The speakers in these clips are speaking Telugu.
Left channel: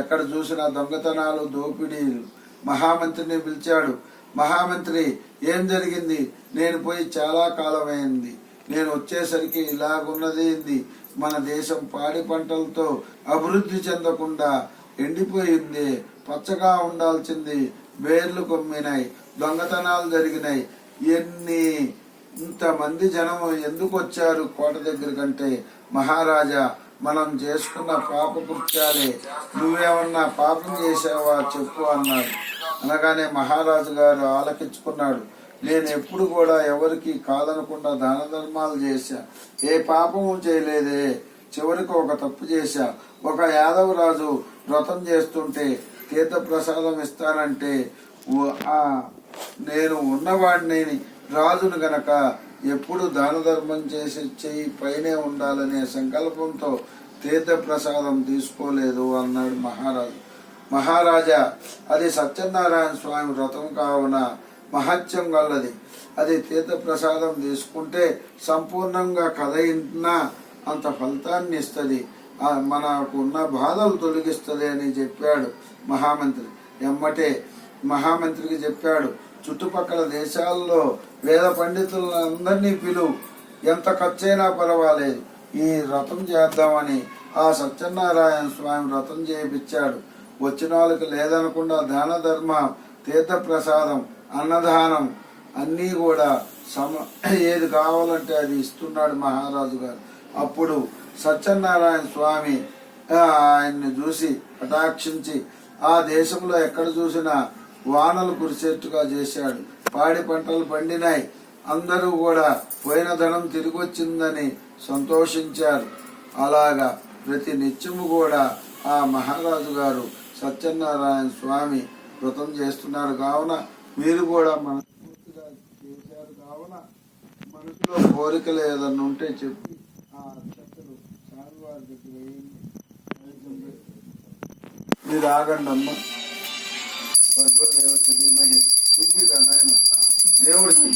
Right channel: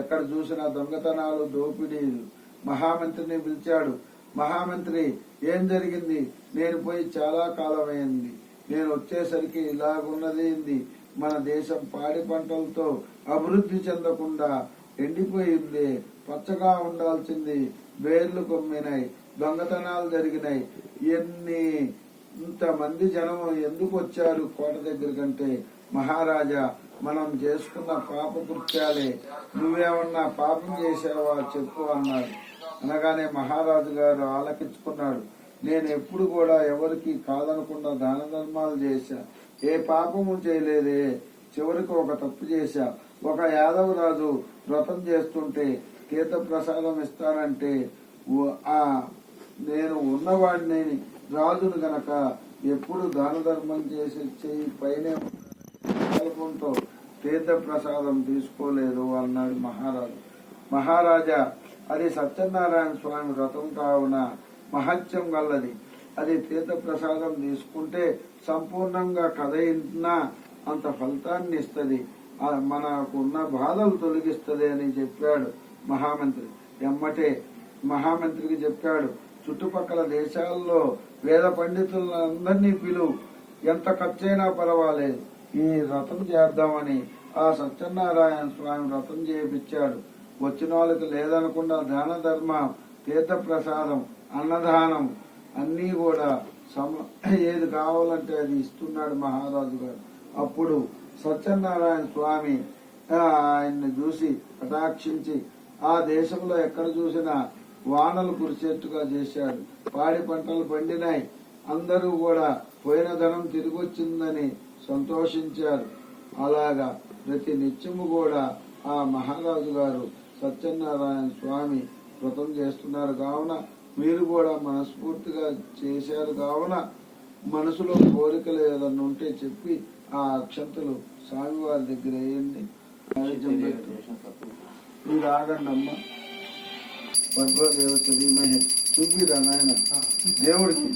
ఎక్కడ చూసినా దొంగతనాలు, దోపిడీలు. మహామంత్రిని పిలిచాడు. మహామంత్రి, ఏం జరిగింది? నేను పోయి చాలా కాలమైంది, నేను వచ్చేసరికి ఇలాగున్నది. మన దేశం పాడి పంటలతో అభివృద్ధి చెందకుండా ఎండిపోయింది, పచ్చగా ఉండాల్సింది వేర్లు కొమ్మినాయి, దొంగతనాలు జరిగినాయి. ఇంతమంది జనము ఎందుకు వచ్చారు కోట దగ్గర కంటే? మహారాజా, మనం చేసుకున్న పాప కృత్యాలే, నువ్వేమన్నా పాపం చేసావా చెప్పు అన్నాడు. అనగానే మహారాజు గారు ఆలకించుకున్నాడు. నేను ఎప్పుడు కూడా ఎవరికి కాదనకుండా దాన ధర్మాలు చేశా, ఏ పాపము చేయలేదే. చివరికి ఒక తప్పు చేశా. ఒక యాదవరాజు వ్రతం చేస్తుంటే తీర్థ ప్రసాదం ఇస్తానంటే నేను ఉన్నవాడిని, రాజును గనక ఎప్పుడు దాన ధర్మం చేసి చెయ్యి పైనే ఉండాలనే సంకల్పంతో తీర్థ ప్రసాదం తీసుకోలేదు అన్నాడు మహారాజు. మహారాజా, అది సత్యనారాయణ స్వామి వ్రతం కావున మహత్యం గల్లది. అది తీర్థ ప్రసాదం తీసుకుంటే సంపూర్ణంగా కథ ఇంటున్నా అంత ఫలితాన్ని ఇస్తుంది, మనకు ఉన్న బాధలు తొలగిస్తుంది అని చెప్పాడు మహామంత్రి. ఎమ్మటే మహామంత్రికి చెప్పాడు, చుట్టుపక్కల దేశాల్లో వేద పండితులందరినీ పిలువు, ఎంత ఖర్చైనా పర్వాలేదు, ఈ వ్రతం చేద్దామని ఆ సత్యనారాయణ స్వామి వ్రతం చేయించాడు. వచ్చిన వాళ్ళకి లేదనకుండా దాన ధర్మ, తీర్థ ప్రసాదం, అన్నదానం అన్నీ కూడా ఏది కావాలంటే అది ఇస్తున్నాడు మహారాజు గారు. అప్పుడు సత్యనారాయణ స్వామి ఆయన్ని చూసి కటాక్షించి ఆ దేశంలో ఎక్కడ చూసినా వానలు కురిసేట్టుగా చేశాడు. పాడి పంటలు పండినాయి, అందరూ కూడా పోయిన ధనం తిరిగి వచ్చిందని సంతోషించారు. అలాగా ప్రతి నిత్యము కూడా ఆ మహారాజు గారు సత్యనారాయణ స్వామి వ్రతం చేస్తున్నారు కావున మీరు కూడా మనస్ఫూర్తిగా చేశారు కావున మనసులో కోరికలు ఏదన్నా ఉంటే చెప్పి ఆ అక్షంతలు స్వామివారి దగ్గర వేయండి. మీరు ఆగండి అమ్మా. భగవదేవ శ్రీమహి చూపిరా నాయన దేవుడికి.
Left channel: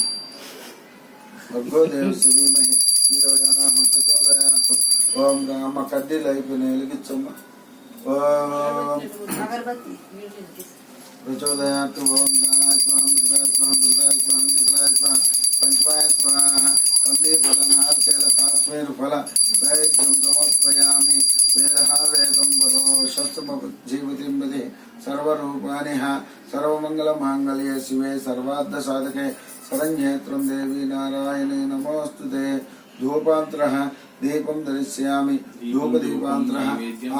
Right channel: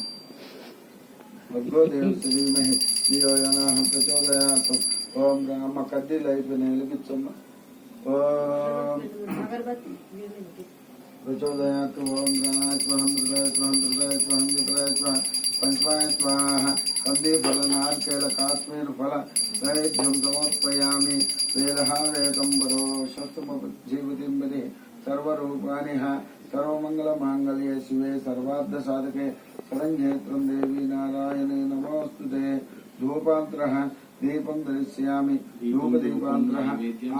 భగవదేవ శ్రీమహి ప్రచోదయాత్మ. ఓం అమ్మ కడ్డీలు అయిపోయినాయి, వెలిగించమ్మా. ఓం ప్రచోదయాత్. ఓం పంచమాయ స్వాహ. కందే ఫల నార్కేల కాశ్మీర ఫల వైద్యం సమర్పయామి. వేద వేదంబరో శస్త్రమజీవతింబదే సర్వరూపాణి సర్వమంగళ మాంగళ్యే శివే సర్వార్థ సాధకే శరణ్యేత్రం దేవి నారాయణే నమోస్తుతే. ధూపాంతర దీపం దర్శయామి. ధూపదీపాంతర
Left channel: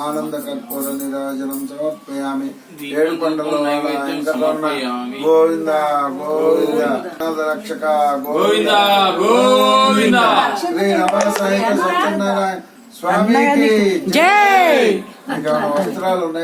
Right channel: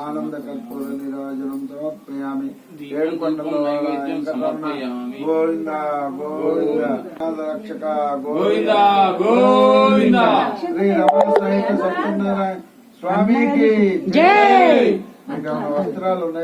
ఆనంద కర్పూర నిరాజనం సమర్పయామి. ఏడు కొండలో గోవింద గోవింద రక్షక గోవింద గోవింద. శ్రీ రమణ సహిత సత్యనారాయణ స్వామికి జై. ఇంకా వస్త్రాలు ఉన్నాయి.